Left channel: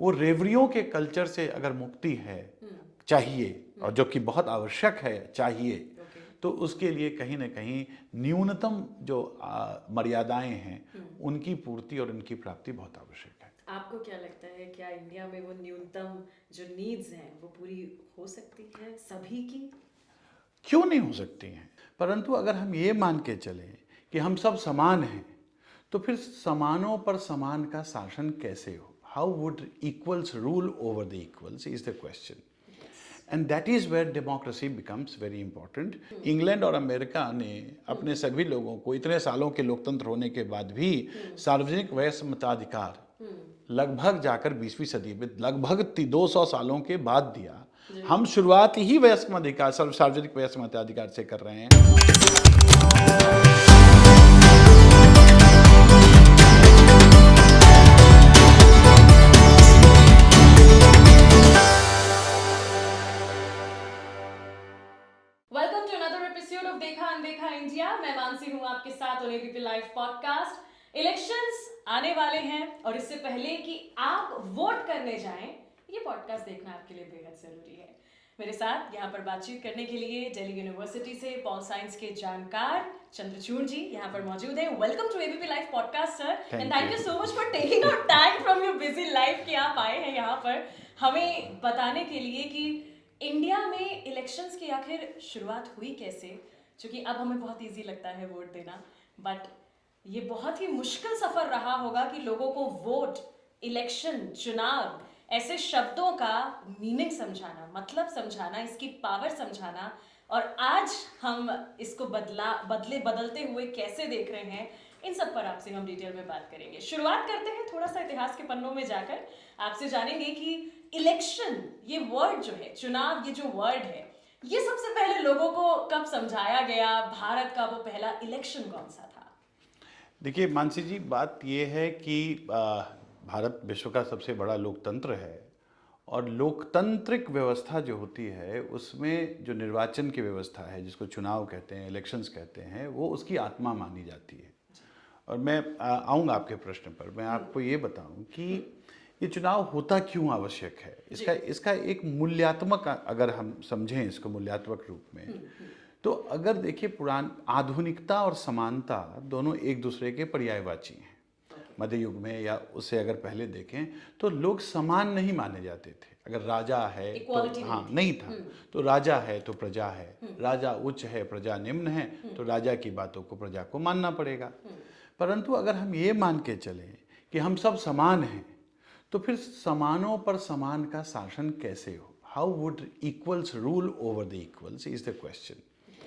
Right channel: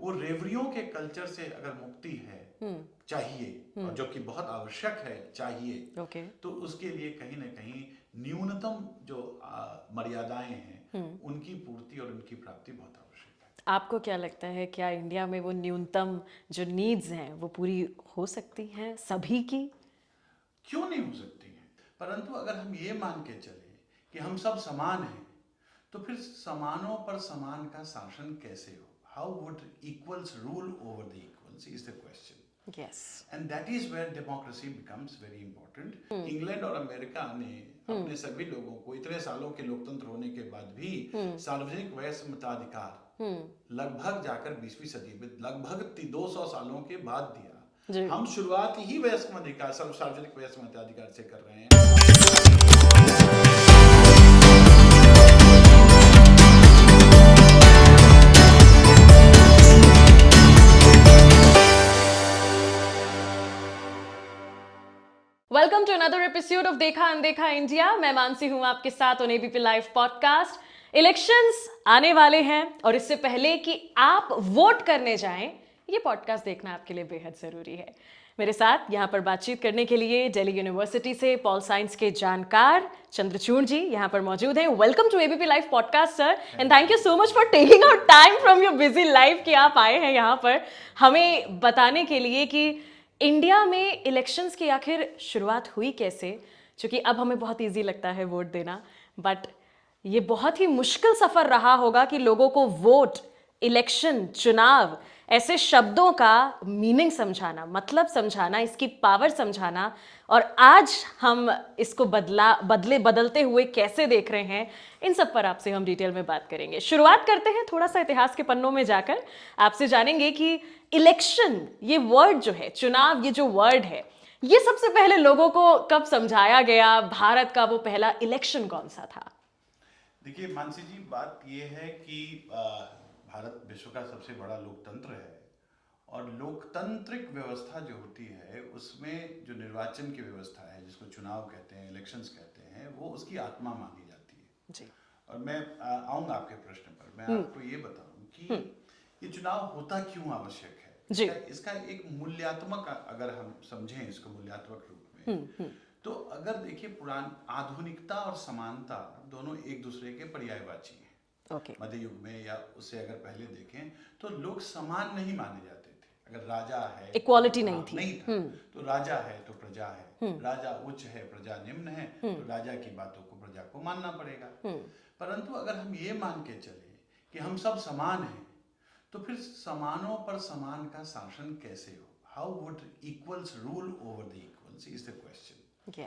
वो रेवड़ियों के कल्चर से अगर मुक्ति है चाहिए, और जो कि बहुत आवश्यक है चाहिए, तो उसके लिए कहीं ना कहीं न्यूनतम जो मर्यादाएं हैं उनकी पूर्ति और उनकी प्राप्ति बहुत आवश्यक है। आपको क्या लगता है, क्या इंडिया में वो न्यूनतम जो नीड्स हैं वो पूरी हो सकती हैं सभी की? क्यों नहीं हो सकती हैं, परंतु अगर हम ये मान के चलें कि हम सब समान हैं, तो फिर समानों पर समान का शासन कैसे हो? How would equals rule over the equals is the question. Yes. And that is where democracy becomes very important. England और अमेरिका ने अपने सभी लोगों को इतने सालों के लोकतंत्र होने के बाद भी सार्वजनिक वयस्क मताधिकार लगभग जाकर 20वीं सदी में लगभग 200 सालों के बाद दिया। हम शुरुआत ही वयस्क मताधिकार, सार्वजनिक वयस्क मताधिकार से कर रहे हैं। Welcome to another episode of Dekha Andekha India. मैं मानसी हूं आपके साथ on ABP live podcast. Elections आने वाले हैं और इससे पहले कि आप वोट करने जाएं, ये पॉडकास्ट देखना आपके लिए बेहद जरूरी है। मेरे साथ यहाँ पर बातचीत करने के लिए दिल्ली यूनिवर्सिटी से पॉल साइंस के जानकार चंद्रचूड़ जी यहाँ पर मौजूद हैं। Welcome to ABP live podcast sir, and thank you so much for taking out time from your busy life कि आप आए हैं यहाँ पर हमें बताने के लिए कि इंडिया में इलेक्शंस की आखिर शुरुआत हुई कैसे। क्योंकि अब हमें बहुत इजी लगता है वोट देना, बट ये बहुत ही मुश्किल सफर रहा होगा कि लोगों को वोट, इलेक्शन, चुनाव ऐसे शब्दों का मीनिंग समझाना, मतलब समझाना, इसकी पावर समझाना। और आज हम इसको बदलते हुए कैसे देख रहे हैं, इन सब पर आपसे हम डिटेल में बात करेंगे। शुरुआत करते हैं थोड़ा सा इतिहास के पन्नों में जाकर। आपसे जानेंगे कि इलेक्शन, ये वर्ड जो है, चुनाव, ये जो वर्ड है, ये सबसे पहले लोगों को कब समझाया गया? भारत का वो पहला इलेक्शन कौन सा था? देखिए मानसी जी, बात ये है कि भारत विश्व का सबसे बड़ा लोकतंत्र है, और लोकतांत्रिक व्यवस्था जो होती है उसमें जो निर्वाचन की व्यवस्था है, जिसको चुनाव कहते हैं, इलेक्शंस कहते हैं, वो उसकी आत्मा मानी जाती है जी। और मैं आऊँगा आपके प्रश्न पर। मैं आपको ये बताऊं कि ये चुनाव होता क्यों आवश्यक है। इसका एक मूल्यात्मक, अगर हम समझें इसको मूल्यात्मक रूप में, तो अगर देखिए आधुनिकता और समानता दोनों एक दूसरे के पर्यायवाची हैं। मध्य युग में या उससे अगर पहले देखें तो लोग समान नहीं माने जाते थे। अगर राजा है, इक्वालिटी तो, नहीं था, तो राजा है तो प्रजा है, राजा उच्च है प्रजा निम्न है, तो राजा की बातों को प्रजा को मानना पड़ेगा। परंतु अगर हम ये मान के चलें कि हम सब समान हैं, तो फिर समानों पर समान का शासन कैसे हो? How would equals rule over the equals is the question.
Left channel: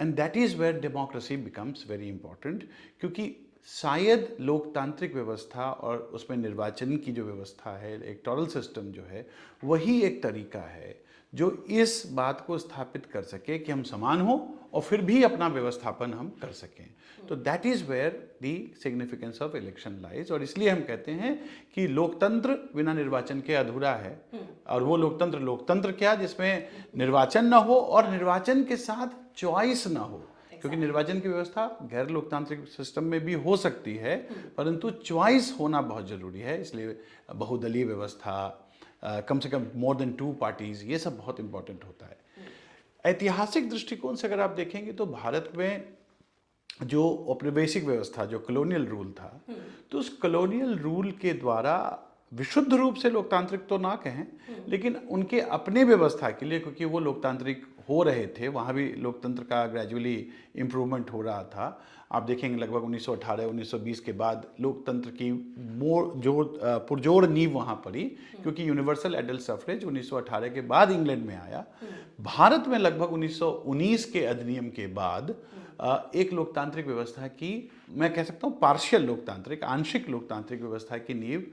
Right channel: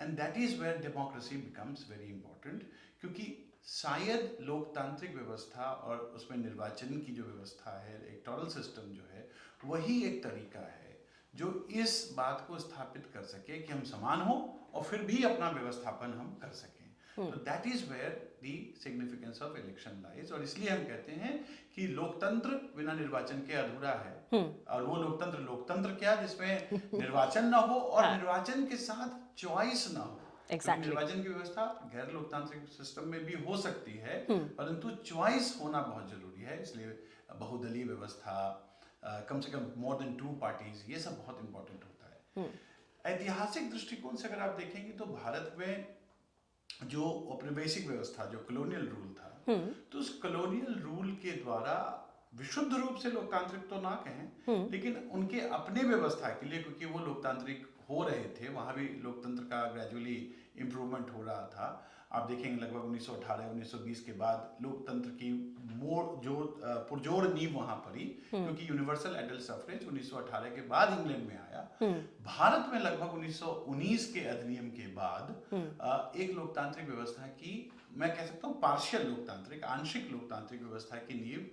And that is where democracy becomes very important. क्योंकि शायद लोकतांत्रिक व्यवस्था और उसमें निर्वाचन की जो व्यवस्था है, इलेक्टोरल सिस्टम जो है, वही एक तरीका है जो इस बात को स्थापित कर सके कि हम समान हो और फिर भी अपना व्यवस्थापन हम कर सकें। तो that is where the significance of election lies. और इसलिए हम कहते हैं कि लोकतंत्र बिना निर्वाचन के अधूरा है। और वो लोकतंत्र क्या, जिसमें निर्वाचन न हो और निर्वाचन के साथ चॉइस न हो। क्योंकि निर्वाचन की व्यवस्था गैर लोकतांत्रिक सिस्टम में भी हो सकती है, परंतु चॉइस होना बहुत जरूरी है। इसलिए बहुदलीय व्यवस्था, कम से कम मोर देन 2 पार्टीज, ये सब बहुत इंपॉर्टेंट होता है। ऐतिहासिक दृष्टिकोण से अगर आप देखेंगे तो भारत में जो औपनिवेशिक व्यवस्था, जो कॉलोनियल रूल था, तो उस कॉलोनियल रूल के द्वारा विशुद्ध रूप से लोकतांत्रिक तो ना कहें, लेकिन उनके अपने व्यवस्था के लिए, क्योंकि वो लोकतांत्रिक हो रहे थे, वहाँ भी लोकतंत्र का ग्रेजुअली इम्प्रूवमेंट हो रहा था। आप देखेंगे लगभग 1918-1920 के बाद लोकतंत्र की पुरजोर नींव वहाँ पड़ी, क्योंकि यूनिवर्सल एडल्ट सफरेज 1918 के बाद इंग्लैंड में आया। भारत में लगभग 1919 के अधिनियम के बाद एक लोकतांत्रिक व्यवस्था की, मैं कह सकता हूँ पार्शियल लोकतांत्रिक, आंशिक लोकतांत्रिक व्यवस्था की नींव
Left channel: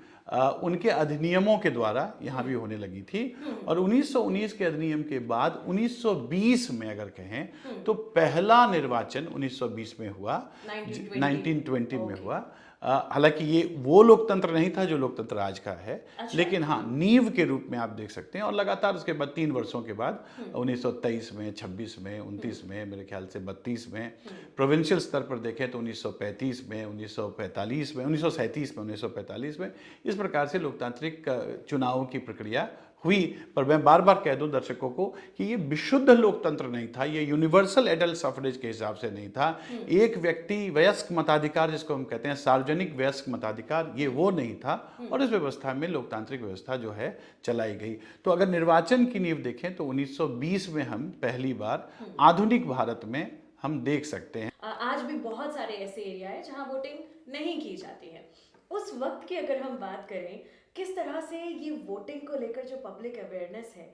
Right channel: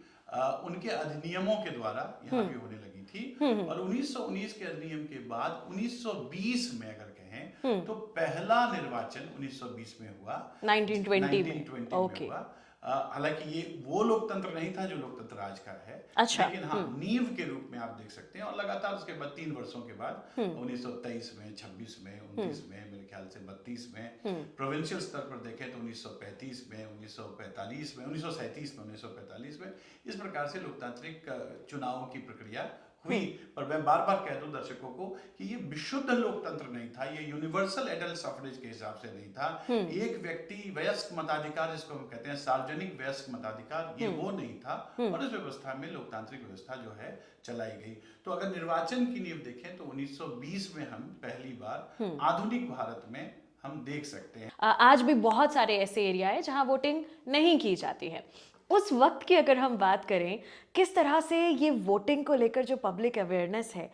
उनके अधिनियमों के द्वारा यहाँ भी होने लगी थी। और 1919 के अधिनियम के बाद 1920 में अगर कहें तो पहला निर्वाचन 1920 में हुआ, 1920 में हुआ, हालांकि ये वो लोकतंत्र नहीं था जो लोकतंत्र आज का है, अच्छा, लेकिन हाँ नींव के रूप में आप देख सकते हैं। और लगातार उसके बाद 3 वर्षों के बाद 1923 में, 26 में, 29 में, मेरे ख्याल से 32 में, प्रोविंशियल स्तर पर देखें तो 1935 में, 1945 में, 1937 में, 1945 में, इस प्रकार से लोकतांत्रिक चुनावों की प्रक्रिया हुई। पर मैं बार बार कह दूं दर्शकों को कि ये विशुद्ध लोकतंत्र नहीं था, ये यूनिवर्सल एडल्ट सफरेज के हिसाब से नहीं था। एक व्यक्ति वयस्क मताधिकार जिसको हम कहते हैं, सार्वजनिक वयस्क मताधिकार, ये वो नहीं था। और इस व्यवस्था में लोकतांत्रिक व्यवस्था जो है चलाई गई। तो अगर निर्वाचन की नींव देखें तो 1920 में हम पहली बार आधुनिक भारत में हम देख सकते हैं। आज भी बहुत सारे ऐसे एरिया है जहां वोटिंग नहीं की जाती है। उस वक्त की अगर हम बात करें, किस तरह से ये वोटिंग को लेकर जो पब्लिक अवेयरनेस है,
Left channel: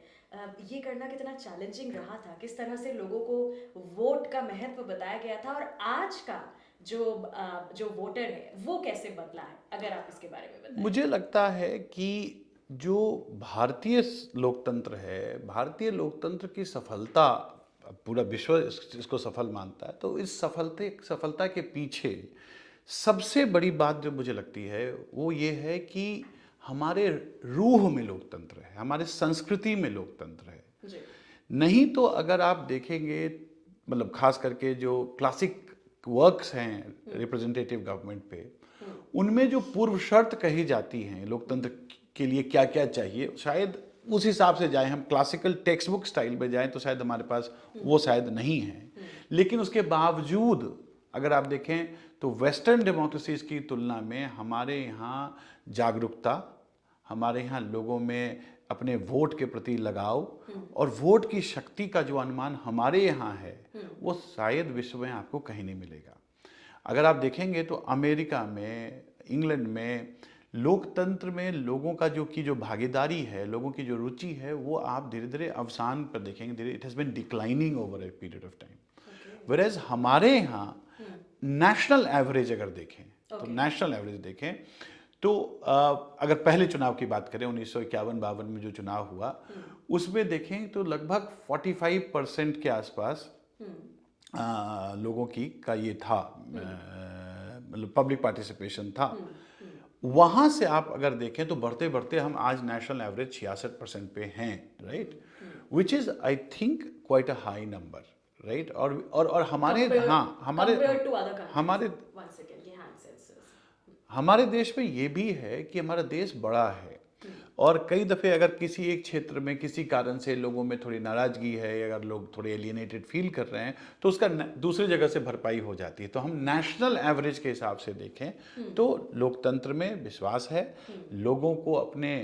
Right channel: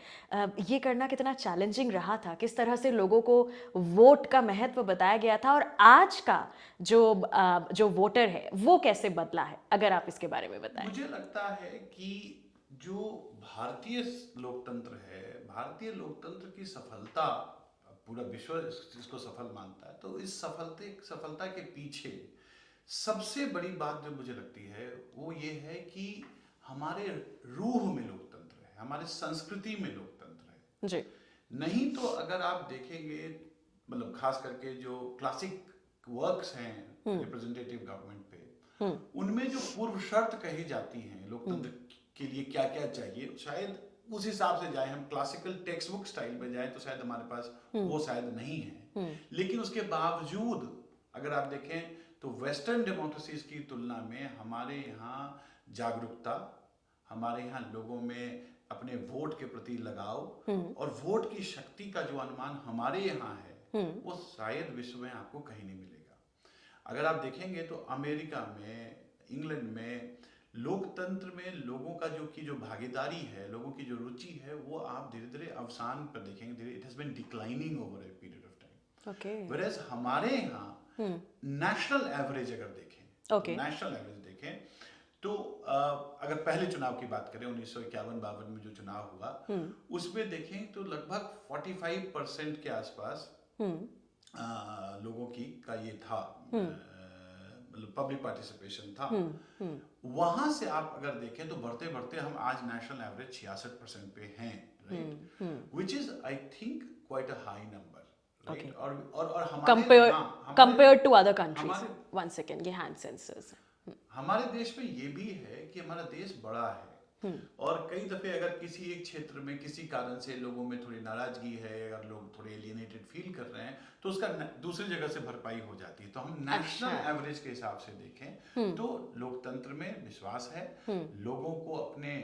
ये करना कितना चैलेंजिंग रहा था, किस तरह से लोगों को वोट का महत्व बताया गया था, और आज का जो वोटर है वो कैसे बदला है, अगर आप इसके बारे में बताएं। मुझे लगता है कि जो भारतीय लोकतंत्र है, भारतीय लोकतंत्र की सफलता, पूरा विश्व इसको सफल मानता है, तो इस सफलता के पीछे सबसे बड़ी बात जो मुझे लगती है वो ये है कि हमारे रूह में लोकतंत्र है, हमारे संस्कृति में लोकतंत्र है जी। नहीं तो अगर आप देखेंगे, मतलब खास करके जो क्लासिक वर्क्स हैं रिप्रेजेंटेटिव गवर्नमेंट पे, उनमें जो पूर्व शर्त कही जाती हैं लोकतंत्र के लिए क्या क्या चाहिए, शायद उस हिसाब से जाए, हम क्लासिकल टेक्स्ट बुक स्टाइल में जाएं तो शायद हमारे पास वो शायद नहीं है। लेकिन उसके बावजूद अगर आप देखें तो वेस्टर्न डेमोक्रेसीज की तुलना में हमारे यहाँ जागरूकता, हमारे यहाँ लोगों में अपने वोट के प्रति लगाव और वोट की शक्ति का जो अनुमान हमारे यहाँ है, वो शायद विश्व में आपको कहीं नहीं मिलेगा। अगर आप देखेंगे तो अमेरिका में, इंग्लैंड में लोकतंत्र में लोगों का जो भागीदारी है, लोगों की जो रुचि है, वो आप धीरे धीरे अवसान पर देखेंगे, it has been declining over a period of time. Whereas हमारे यहाँ नेशनल एवरेज अगर देखें तो नेशनल एवरेज देखें तो अगर पहले चुनाव की बात करें 1951-52 में जो चुनाव हुआ, उसमें देखें तो लगभग 45% के आसपास लोगों का ये था, मतलब पब्लिक पार्टिसिपेशन था। वहां से आप अगर देखें तो बढ़ते बढ़ते हम आज नेशनल एवरेज 66% पे हैं, right, which is I think quite a high number, right. और हमारे कंपेयर्ड टू अदर कंट्रीज, हमारे वन सेकंड, ये हैंड सेंसर्स, हमारे देश में ये भी है कि हमारा देश बड़ा है, और कई दफे अगर किसी एक क्षेत्र में किसी कारण से लोगों में थोड़ी नाराजगी है, अगर लोग थोड़े एलियनेटेड फील कर रहे हैं, तो उसका दूसरी जगह से भरपाई हो जाती है। तो हम नेशनल एवरेज के हिसाब से देखें तो लोकतंत्र में विश्वास है, लोगों को अपने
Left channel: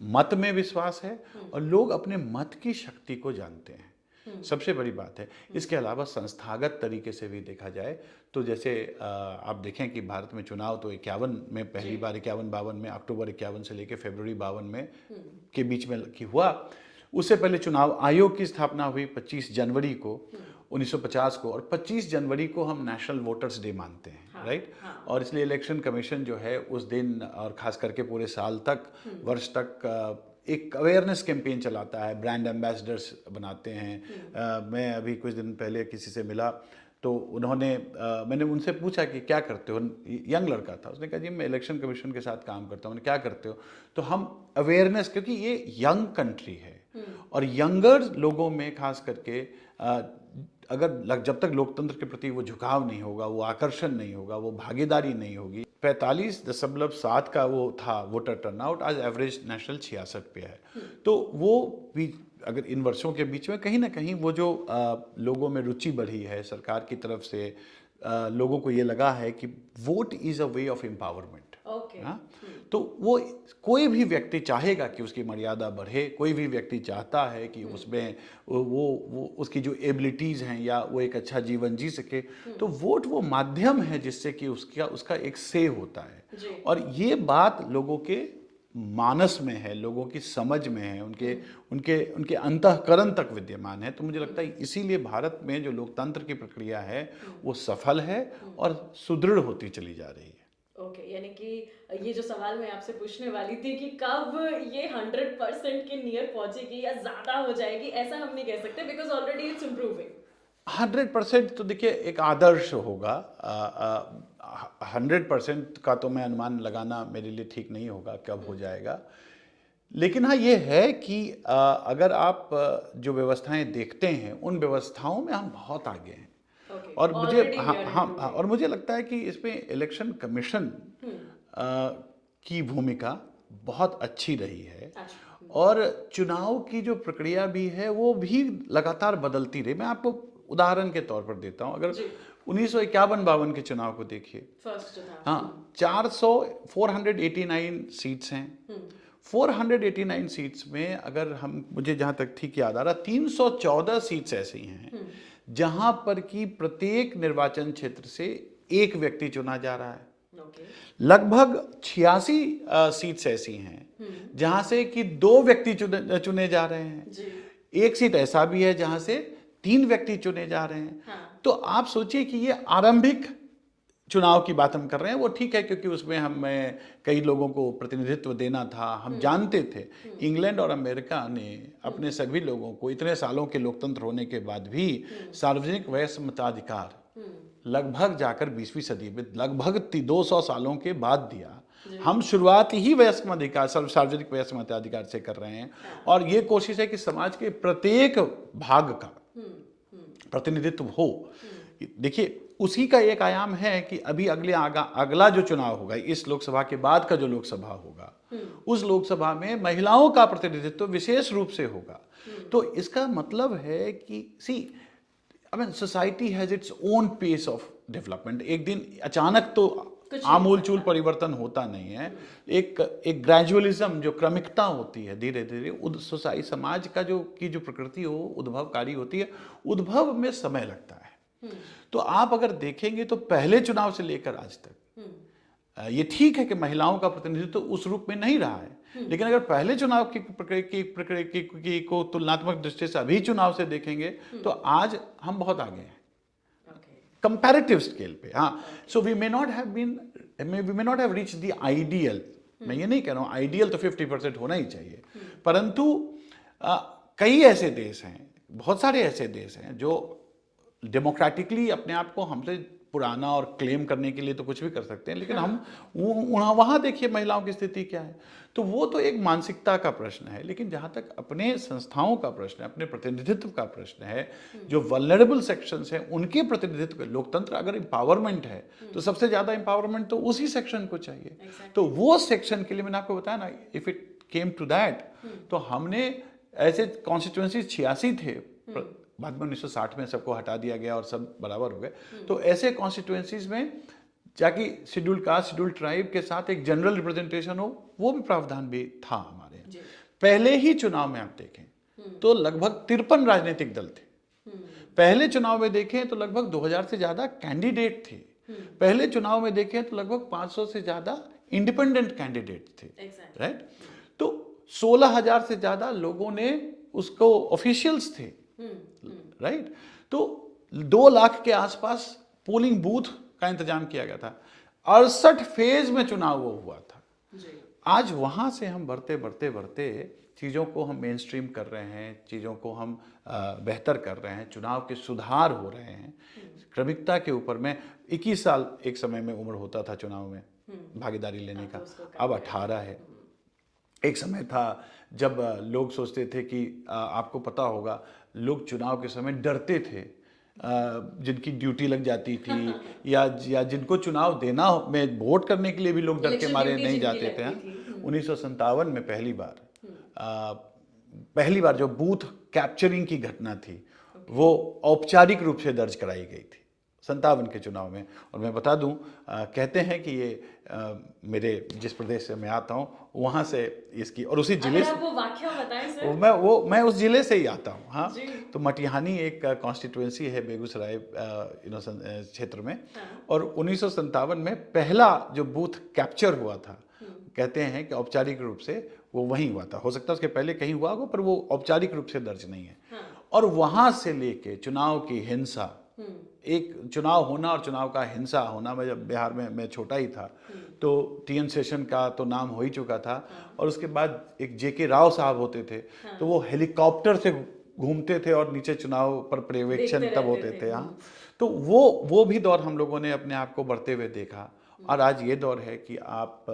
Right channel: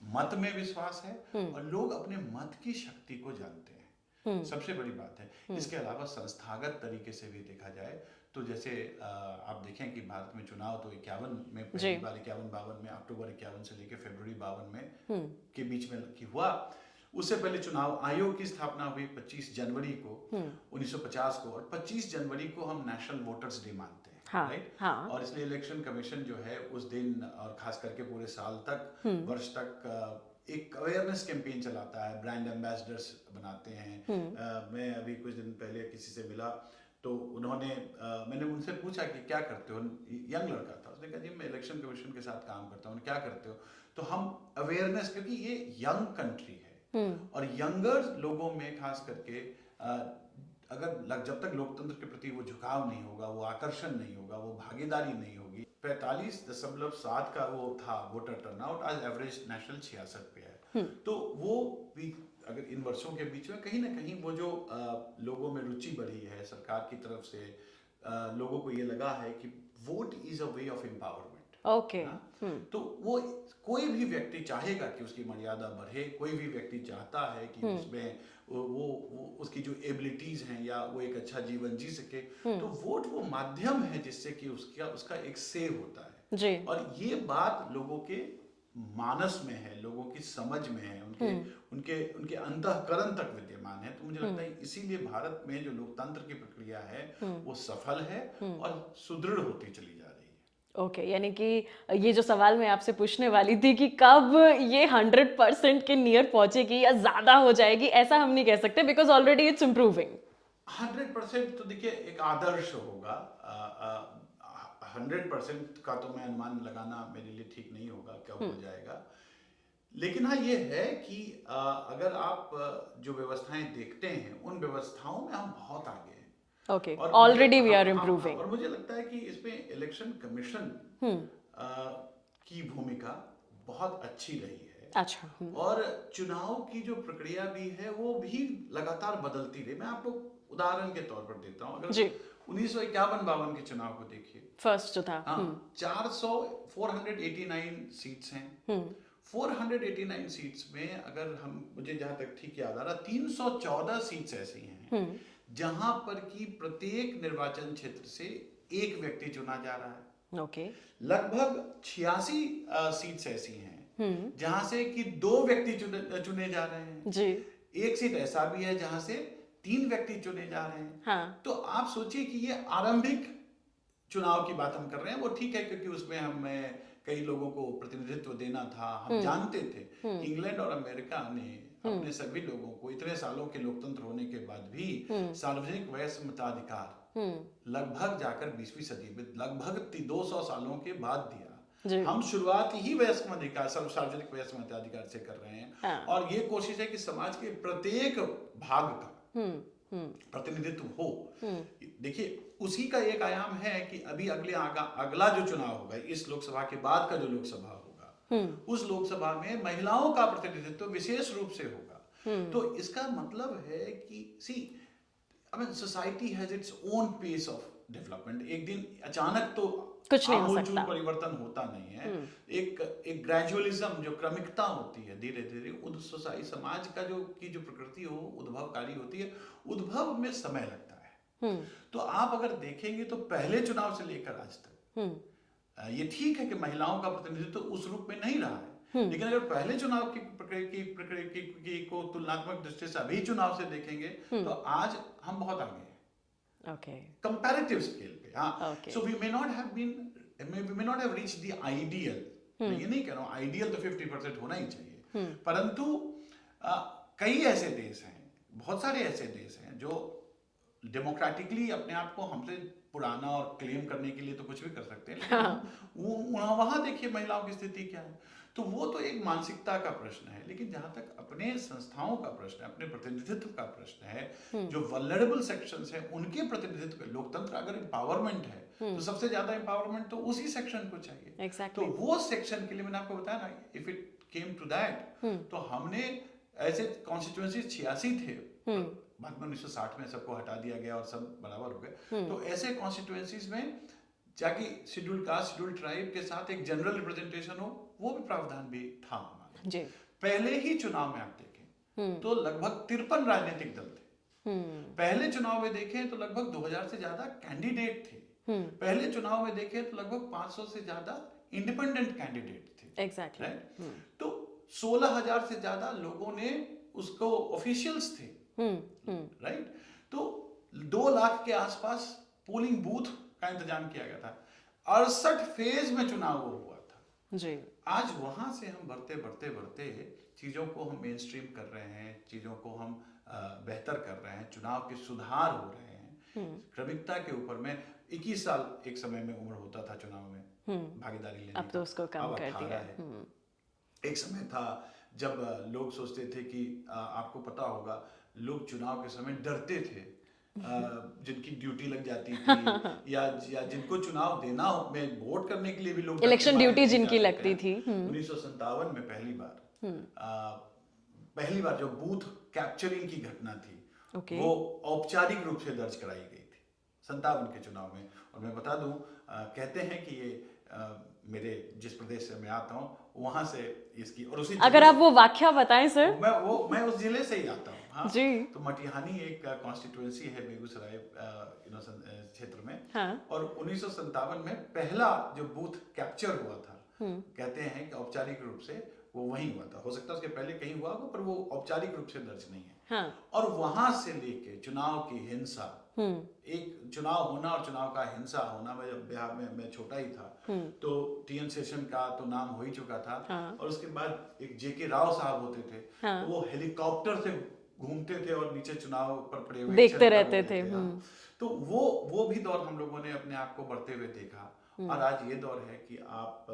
मत में विश्वास है, और लोग अपने मत की शक्ति को जानते हैं, सबसे बड़ी बात है। इसके अलावा संस्थागत तरीके से भी देखा जाए तो जैसे आप देखें कि भारत में चुनाव तो 51 में पहली बार 51-52 में, अक्टूबर 51 से लेकर फरवरी 52 में के बीच में हुआ। उससे पहले चुनाव आयोग की स्थापना हुई 25 जनवरी को 1950 को, और 25 जनवरी को हम नेशनल वोटर्स डे मानते हैं, राइट। और इसलिए इलेक्शन कमीशन जो है उस दिन और खास करके पूरे साल तक, वर्ष तक एक अवेयरनेस कैंपेन चलाता है, ब्रांड एम्बेसडर्स बनाते हैं। मैं अभी कुछ दिन पहले किसी से मिला तो उन्होंने मैंने उनसे पूछा कि क्या करते हो, यंग लड़का था, उसने कहा जी मैं इलेक्शन कमीशन के साथ काम करता हूँ। क्या करते हो? तो हम अवेयरनेस, क्योंकि ये यंग कंट्री है और यंगर लोगों में खास करके अगर जब तक लोकतंत्र के प्रति वो झुकाव नहीं होगा, वो आकर्षण नहीं होगा, वो भागीदारी नहीं होगी। 45.7 का वो था वोटर टर्नआउट, आज एवरेज नेशनल 66 पे है। तो वो भी अगर इन वर्षों के बीच में कहीं ना कहीं वो जो लोगों में रुचि बढ़ी है, सरकार की तरफ से लोगों को ये लगा है कि vote is a way of empowerment. Okay. तो वो कोई भी व्यक्ति चाहेगा कि उसकी मर्यादा बढ़े, कोई भी व्यक्ति चाहता है कि उसमें वो उसकी जो एबिलिटीज हैं या वो एक अच्छा जीवन जी सके। तो वोट वो माध्यम है जिससे कि उसका एक से होता है जी। और ये बात लोगों के मानस में है, लोगों की समझ में है, उनके अंतःकरण तक विद्यमान है। तो मुझे लगता है इसीलिए भारत में जो लोकतंत्र की प्रक्रिया है वो सफल है और सुदृढ़ होती चली जा रही है। ओके, यानी कि ये जो सवाल मैं आपसे पूछने वाली थी कि कब ये 100% के नियर पहुंचेगी या ज्यादा हो जाएगी, ऐसा हम नहीं कह सकते बिकॉज ऑलरेडी इट्स इम्प्रूविंग। 100% तो देखिए एक आदर्श होगा, 100% का तो मैं अनुमान लगाना मेरे लिए ठीक नहीं होगा कब हो जाएगा। लेकिन हाँ ये है कि अगर आप जो व्यवस्थाएं देखते हैं उन व्यवस्थाओं में हम बहुत आगे हैं। ओके, और ऑलरेडी वी हाँ, आर हाँ, इम्प्रूविंग। और मुझे लगता है कि इसमें इलेक्शन कमीशन की भूमिका बहुत अच्छी रही है। अच्छा। और चुनाव की जो प्रक्रिया भी है वो भी लगातार बदलती रही। मैं आपको उदाहरण के तौर पर देता हूँ। अगर जी। 1951-52 के चुनाव को देखिए, फर्स्ट जो था। हाँ 489 सीट्स हैं। 489 सीट्स में अगर हम, मुझे जहां तक ठीक याद आ रहा, 314 सीट्स ऐसी हैं जहां पर कि प्रत्येक निर्वाचन क्षेत्र से एक व्यक्ति चुना जा रहा है। ओके। लगभग 86 सीट्स ऐसी हैं जहां से कि 2 व्यक्ति चुने जा रहे हैं। जी। एक सीट ऐसा भी है जहां से 3 व्यक्ति चुने जा रहे हैं। हाँ। तो आप सोचिए कि ये आरंभिक चुनाव की बात हम कर रहे हैं, वो ठीक है क्योंकि उसमें हमें कई लोगों को प्रतिनिधित्व देना था। हम जानते थे कि इंग्लैंड और अमेरिका ने अपने सभी लोगों को इतने सालों के लोकतंत्र होने के बाद भी सार्वजनिक वयस्क मताधिकार लगभग जाकर 20वीं सदी में लगभग 200 सालों के बाद दिया। हम शुरुआत ही वयस्क मताधिकार, सार्वजनिक वयस्क मताधिकार से कर रहे हैं। और ये कोशिश है कि समाज के प्रत्येक भाग का प्रतिनिधित्व हो। देखिए उसी का एक आयाम है कि अभी अगला जो चुनाव होगा, इस लोकसभा के बाद का जो लोकसभा होगा, उस लोकसभा में महिलाओं का प्रतिनिधित्व विशेष रूप से होगा। तो इसका मतलब है कि society has its own pace of development. एक दिन अचानक तो आमूलचूल परिवर्तन होता नहीं है। एक ग्रेजुअलिज्म, जो क्रमिकता होती है, धीरे धीरे सोसाइटी, समाज का जो प्रकृति हो उद्भवकारी होती है, उद्भव में समय लगता है। तो आप अगर देखेंगे तो पहले चुनाव से लेकर आज तक ये ठीक है कि महिलाओं का प्रतिनिधित्व उस रूप में नहीं रहा है, लेकिन अगर पहले चुनाव की प्रक्रिया को तुलनात्मक दृष्टि से अभी चुनाव से देखेंगे तो आज हम बहुत आगे हैं कंपैरेटिव स्केल पे। हाँ, so we may not have reached the ideal. मैं ये नहीं कह रहा हूँ आइडियल तो 50% होना ही चाहिए, परंतु कई ऐसे देश हैं, बहुत सारे ऐसे देश हैं जो डेमोक्रेटिकली अपने आप को हमसे पुराना और क्लेम करने के लिए तो कुछ भी कर सकते हैं, लेकिन हम वहां देखिए महिलाओं की स्थिति क्या है। तो वो तो एक मानसिकता का प्रश्न है। लेकिन जहां तक अपने संस्थाओं का प्रश्न है, अपने प्रतिनिधित्व का प्रश्न है, जो वल्नरेबल सेक्शंस हैं उनके प्रतिनिधित्व, लोकतंत्र अगर एम्पावरमेंट है तो सबसे ज्यादा एम्पावरमेंट तो उसी सेक्शन को चाहिए। तो वो सेक्शन के लिए मैंने आपको बताया ना, if it came to that, तो हमने ऐसे कॉन्स्टिट्यूएंसी 86 थे, बाद में 1960 में सबको हटा दिया गया और सब बराबर हो गए। तो ऐसे कॉन्स्टिट्यूएंसीज में जाके शेड्यूल्ड कास्ट, शेड्यूल्ड ट्राइब के साथ एक जनरल रिप्रेजेंटेशन हो, वो भी प्रावधान भी था हमारे। पहले ही चुनाव में आप देखें तो लगभग 53 राजनीतिक दल थे। पहले चुनाव में देखें तो लगभग 2000 से ज्यादा कैंडिडेट थे। पहले चुनाव में देखें तो लगभग 500 से ज्यादा इंडिपेंडेंट कैंडिडेट थे। राइट। तो 16,000 से ज्यादा लोगों ने उसको ऑफिशियल्स थे। राइट। तो 2 लाख के आसपास पोलिंग बूथ का इंतजाम किया गया था। 68 फेज में चुनाव वो हुआ था जी। आज वहां से हम बढ़ते बढ़ते बढ़ते चीजों को हम मेन स्ट्रीम कर रहे हैं, चीजों को हम बेहतर कर रहे हैं, चुनाव के सुधार हो रहे हैं क्रमिकता के ऊपर। में 21 साल एक समय में उम्र होता था चुनाव में भागीदारी लेने का, अब 18 है। एक समय था जब लोग सोचते थे कि आपको पता होगा, लोग चुनाव के समय डरते थे, जिनकी ड्यूटी लग जाती थी या जिनको चुनाव देना में वोट करने के लिए भी लोग डर के मारे नहीं जाते थे। 1957 में पहली बार जो बूथ कैप्चरिंग की घटना थी वो औपचारिक रूप से दर्ज कराई गई थी 57 के चुनाव में। और मैं बता दूं, कहते हैं कि ये मेरे जिस प्रदेश से मैं आता हूँ वहां से इसकी, और उसी अगर आप वो वाक्या बताएं सर। मैं उस जिले से ही आता हूँ। हाँ जी। तो मटिहानी एक कॉन्स्टिट्यूएंसी है बेगूसराय क्षेत्र में। हाँ। और 1957 में पहला जो बूथ कैप्चर हुआ था, कहते हैं कि औपचारिक रूप से वो वहीं हुआ था। हो सकता है उसके पहले कहीं हुआ होगा, पर वो औपचारिक रूप से दर्ज नहीं है। हाँ। और वहां से लेके चुनाव की हिंसा, एक चुनाव होना और चुनाव का हिंसा होना, मैं जब बिहार में मैं छोटा ही था तो टीएन सेशन का तो नाम हो ही चुका था। हाँ। और उसके बाद एक जेके राव साहब होते थे। हाँ। तो वो हेलीकॉप्टर से घूमते थे और नीचे चुनाव पर पर्यवेक्षण तब होते थे। हाँ। तो वो भी दौर हम लोगों ने अपने आप को बढ़ते हुए देखा। और आज ये दौर है कि आप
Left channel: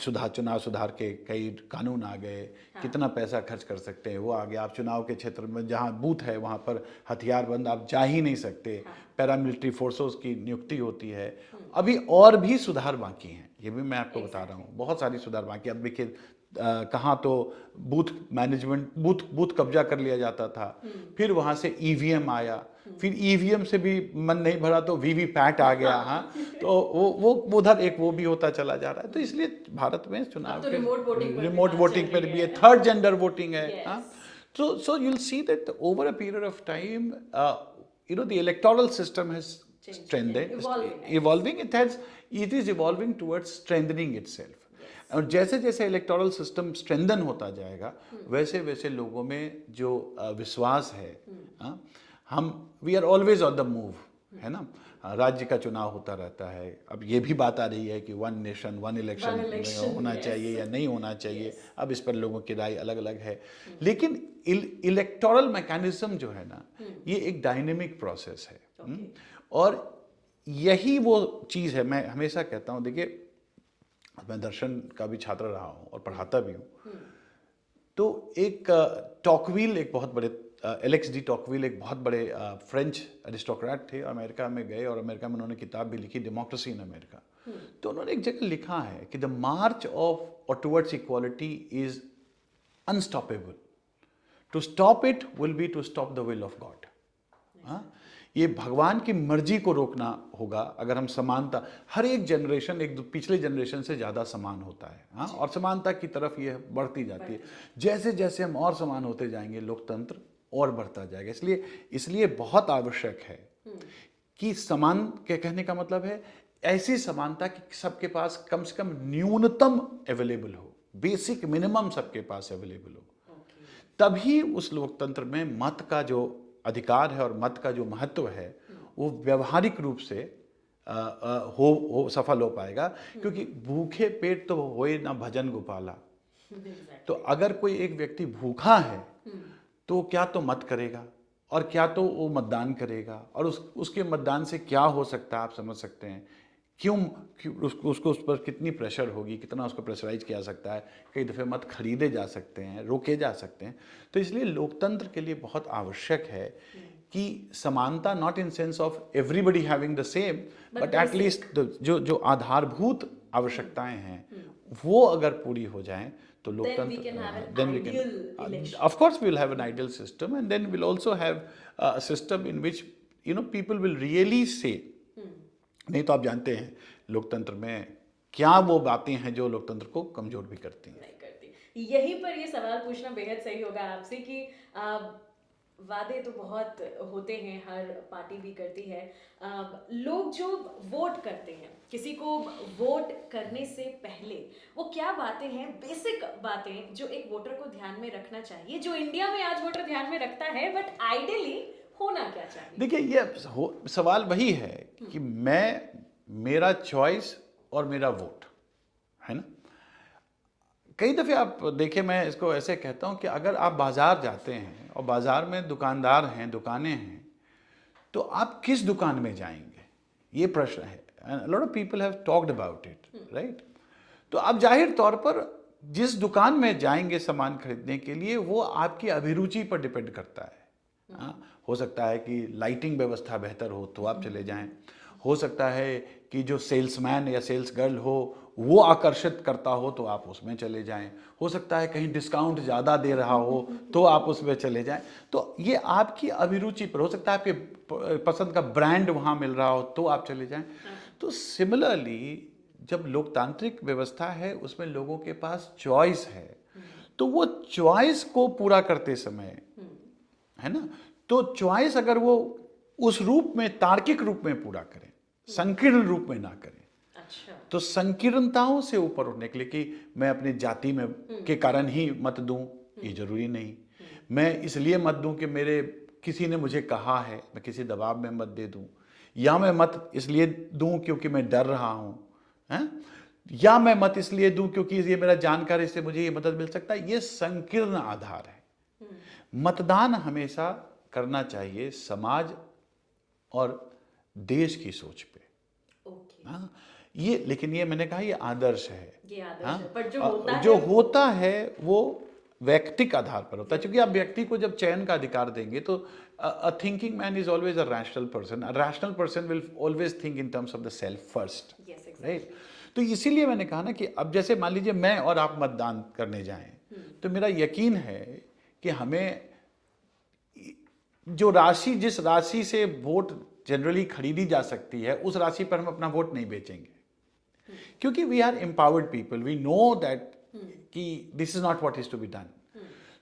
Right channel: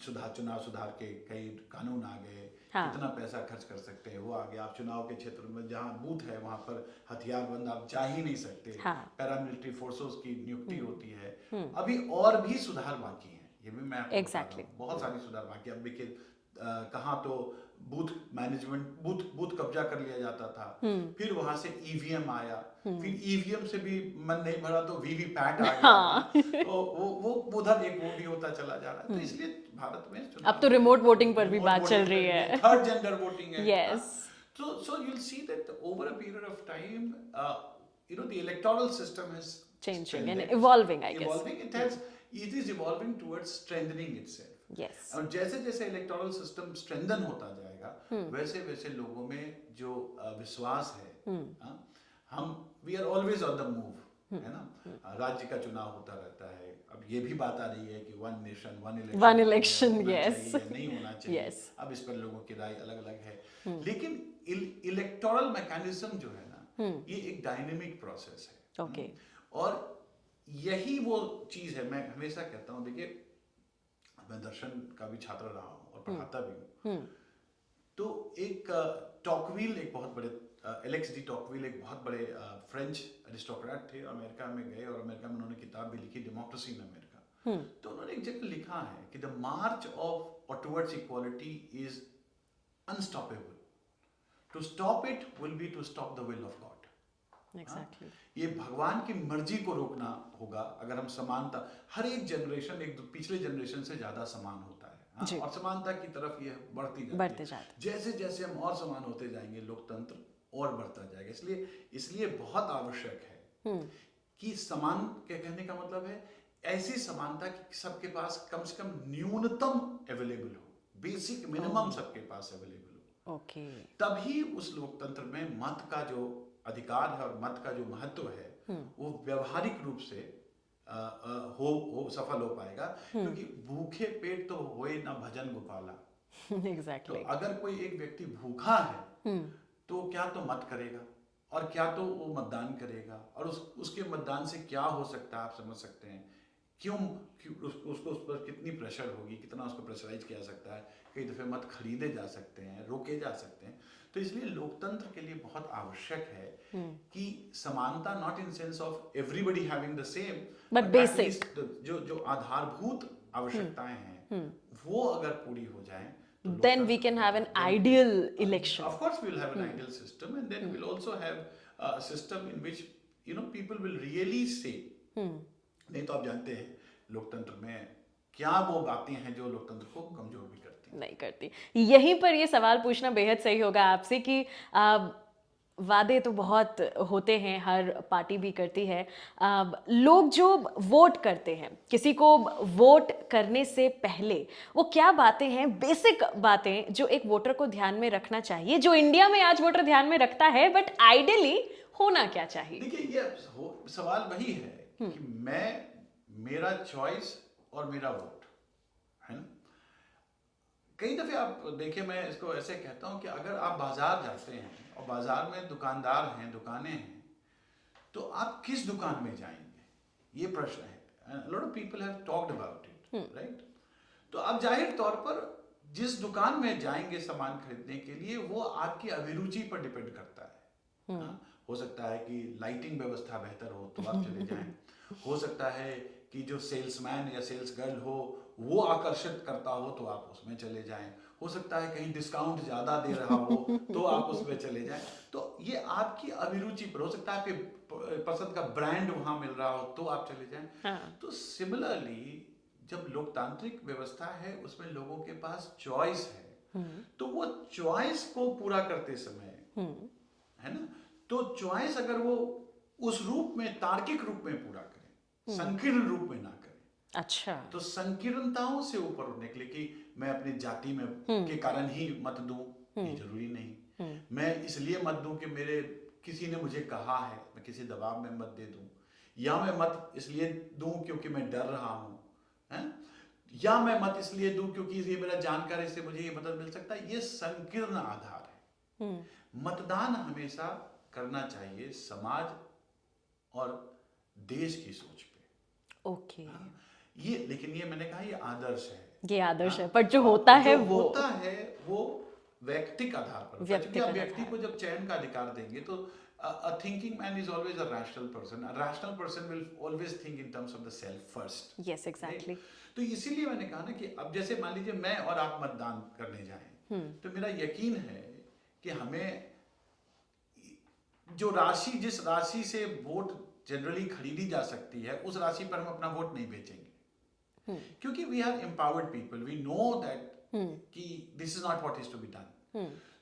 चुनाव सुधार के कई कानून आ गए, कितना पैसा खर्च कर सकते हैं वो आ गया। आप चुनाव के क्षेत्र में जहाँ बूथ है वहाँ पर हथियारबंद आप जा ही नहीं सकते, पैरामिलिट्री फोर्सेस की नियुक्ति होती है। अभी और भी सुधार बाकी हैं, ये भी मैं आपको बता रहा हूँ, बहुत सारी सुधार बाकी। अब देखिए कहाँ तो बूथ मैनेजमेंट, बूथ कब्जा कर लिया जाता था, फिर वहां से ईवीएम आया, फिर ईवीएम से भी मन नहीं भरा तो वीवीपैट आ गया। तो वो उधर एक वो भी होता चला जा रहा है। तो इसलिए भारत में चुनाव अब तो रिमोट वोटिंग पर भी बात चल रही है, थर्ड जेंडर वोटिंग है। So you'll see that over a period of time, the electoral system has strengthened, evolving. It is evolving towards strengthening itself. Yes. और जैसे जैसे इलेक्टोरल सिस्टम स्ट्रेंथन होता जाएगा, वैसे वैसे लोगों में जो विश्वास है, we are always on the move, है ना। राज्य का चुनाव होता रहता है। अब ये भी बात आ रही है कि वन नेशन वन इलेक्शन होना चाहिए या नहीं होना चाहिए। अब इस पर लोगों की राय अलग अलग है, लेकिन इलेक्टोरल मैकेनिज्म जो है ना, ये एक डायनेमिक प्रोसेस है। और यही वो चीज है, मैं हमेशा कहता हूँ, देखिए मैं दर्शन का भी छात्र रहा हूँ और पढ़ाता भी हूँ। तो एक टॉकविल, एक बहुत बड़े एलेक्स डी टॉकविल एक बहुत बड़े फ्रेंच एरिस्टोक्रेट थे, अमेरिका में गए और अमेरिका में उन्होंने किताब भी लिखी, डेमोक्रेसी इन अमेरिका। तो उन्होंने एक जगह लिखा है कि the march of or towards equality is unstoppable, to stop it will be to stop the will of God. ये भगवान की मर्जी को रोकना होगा अगर हम समानता, हर एक जनरेशन एक पिछले जनरेशन से ज्यादा समान होता है, और समानता की तरफ ये बढ़ती जाती है। जैसे जैसे हम और समान होते जाएंगे, लोकतंत्र और बढ़ता जाएगा। इसलिए बहुत आवश्यक है कि समान के कहने का मतलब है ऐसी समानता कि सबके पास कम से कम न्यूनतम अवेलेबल हो, बेसिक मिनिमम सबके पास अवेलेबल हो। तभी उस लोकतंत्र में मत का जो अधिकार है और मत का जो महत्व है वो व्यवहारिक रूप से सफल हो पाएगा। क्योंकि भूखे पेट तो होए ना भजन गोपाला। तो अगर कोई एक व्यक्ति भूखा है तो क्या तो मत करेगा और क्या तो वो मतदान करेगा, और उसके मतदान से क्या हो सकता है आप समझ सकते हैं। क्यों उसको उस पर कितनी प्रेशर होगी, कितना उसको प्रेशराइज किया सकता है। कई दफ़े मत खरीदे जा सकते हैं, रोके जा सकते हैं। तो इसलिए लोकतंत्र के लिए बहुत आवश्यक है कि समानता, not in sense of everybody having the same, but at least जो आधारभूत आवश्यकताएं हैं वो अगर पूरी हो जाएं तो then we can have an ideal election. Of course we will have an ideal system, and then we'll also have a system in which people will really say, नहीं तो आप जानते हैं लोकतंत्र में क्या वो बातें हैं जो लोकतंत्र को कमजोर भी करती नहीं करती। यहीं पर ये सवाल पूछना बेहद सही होगा आपसे कि वादे तो बहुत होते हैं, हर पार्टी भी करती है। लोग जो वोट करते हैं, किसी को वोट करने से पहले वो क्या बातें हैं, बेसिक बातें जो एक वोटर को ध्यान में रखना चाहिए, जो इंडिया में आज वोटर ध्यान में रखता है, बट आइडियली होना क्या चाहिए? देखिए ये सवाल वही है कि मेरा चॉइस और मेरा वोट है ना। कई दफे आप देखिए, मैं इसको ऐसे कहता हूं कि अगर आप बाजार जाते हैं और बाजार में दुकानदार हैं, दुकानें हैं, तो आप किस दुकान में जाएंगे, ये प्रश्न है। Lot of people have talked about it, right. तो आप जाहिर तौर पर जिस दुकान में जाएंगे सामान खरीदने के लिए वो आपकी अभिरुचि पर डिपेंड करता है। हो सकता है कि लाइटिंग व्यवस्था बेहतर हो तो आप चले जाएं, हो सकता है कि जो सेल्समैन या सेल्स गर्ल हो वो आकर्षित करता हो तो आप उसमें चले जाएं, हो सकता है कहीं डिस्काउंट ज़्यादा दे रहा हो तो आप उसमें चले जाएं। तो ये आपकी अभिरुचि पर, हो सकता है आपके पसंद का ब्रांड वहाँ मिल रहा हो तो आप चले जाएं। तो सिमिलरली जब लोकतांत्रिक व्यवस्था है उसमें लोगों के पास चॉइस है, तो वो चॉइस को पूरा करते समय, है ना, तो चॉइस अगर वो उस रूप में, तार्किक रूप में पूरा करें, संकीर्ण रूप में ना करें। अच्छा, तो संकीर्णताओं से ऊपर उठने के लिए कि मैं अपनी जाति में के कारण ही मत दूं, ये जरूरी नहीं। मैं इसलिए मत दूं कि मेरे किसी ने मुझे कहा है, मैं किसी दबाव में मत दे दूं, या मैं मत इसलिए दूं क्योंकि मैं डर रहा हूं, हैं, या मैं मत इसलिए दूं क्योंकि ये मेरा जानकारी से मुझे ये मदद मिल सकता है। ये संकीर्ण आधार है। मतदान हमेशा करना चाहिए समाज और देश की सोच पे, ओके, हाँ, ये लेकिन ये मैंने कहा ये आदर्श है। ये आदर्श हाँ, है, पर जो और होता है जो वो होता है वो व्यक्तिक आधार पर होता है, क्योंकि आप व्यक्ति को जब चयन का अधिकार देंगे तो a thinking man is always a rational person. A rational person will always think in terms of the self first. Yes exactly. तो इसीलिए मैंने कहा ना कि अब जैसे मान लीजिए मैं और आप मतदान करने जाएं, तो मेरा यकीन है कि हमें जो राशि, जिस राशि से वोट जनरली खरीदी जा सकती है, उस राशि पर हम अपना वोट नहीं बेचेंगे, क्योंकि we are empowered people, we know that कि this is not what is to be done.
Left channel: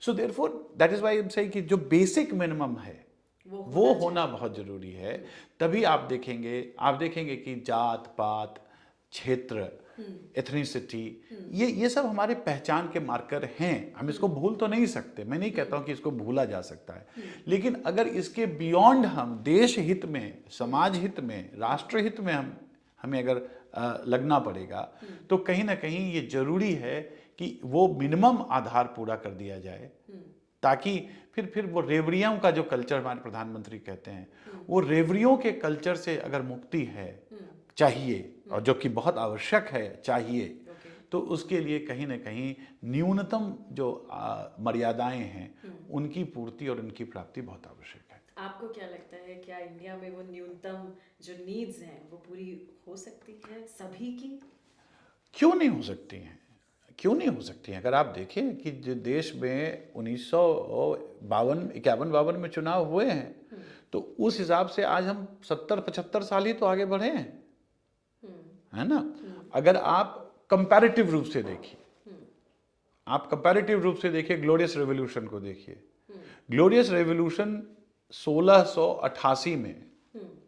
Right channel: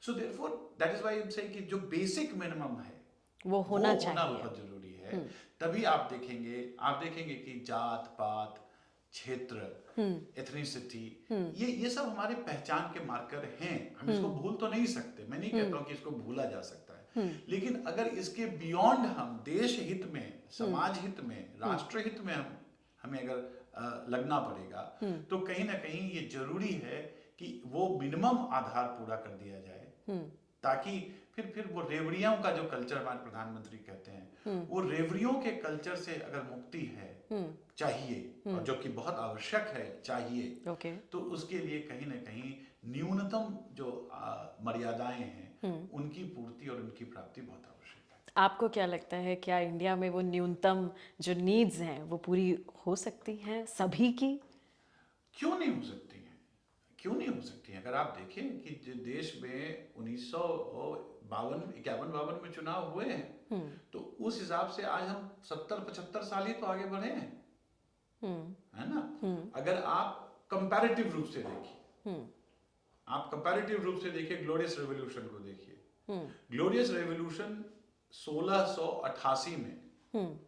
So therefore that is why I am saying कि जो बेसिक मिनिमम है वो वो होना बहुत जरूरी है। तभी आप देखेंगे कि जात पात, क्षेत्र, एथनिसिटी, ये सब हमारे पहचान के मार्कर हैं। हम इसको भूल तो नहीं सकते, मैं नहीं कहता हूं कि इसको भूला जा सकता है, लेकिन अगर इसके बियॉन्ड हम देश हित में, समाज हित में, राष्ट्र हित में हमें अगर लगना पड़ेगा, तो कहीं ना कहीं ये जरूरी है कि वो मिनिमम आधार पूरा कर दिया जाए, ताकि फिर वो रेवड़ियों का जो कल्चर हमारे प्रधानमंत्री कहते हैं, वो रेवड़ियों के कल्चर से अगर मुक्ति है, चाहिए, और जो कि बहुत आवश्यक है, चाहिए, तो उसके लिए कहीं ना कहीं न्यूनतम जो मर्यादाएं हैं उनकी पूर्ति और उनकी प्राप्ति बहुत आवश्यक है। आपको क्या लगता है, क्या इंडिया में वो न्यूनतम जो नीड्स हैं वो पूरी हो सकती हैं सभी की? क्यों नहीं हो सकती हैं? क्यों नहीं हो सकती हैं? अगर आप देखें कि जो देश में 1951 में चुनाव हुए हैं, तो उस हिसाब से आज हम 70-75 साल ही तो आगे बढ़े हैं, है ना? अगर आप कंपैरेटिव रूप से देखिए, ग्लोरियस रेवोल्यूशन को देखिए। ग्लोरियस रेवोल्यूशन 1688 में